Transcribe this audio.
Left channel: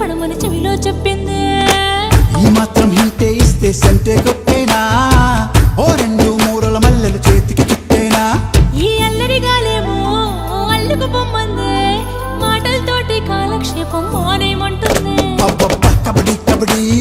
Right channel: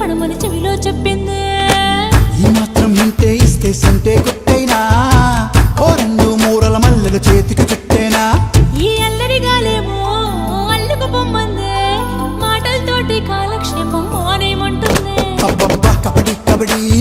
పడమని చెవిలో చెప్పింది. ఈ మాత్రం ఇంటే ఇస్తే సంటే కొట్టేనా, ఓ 2-3 మల్లెల చేతికి చుట్టేనా. ఈ అల్లరిగాలేమో అల్లుకు పొమ్మంది, మాటలతోటి కాలక్షేపం మానేమంటుంది. కబడ్డీ కబడ్డీ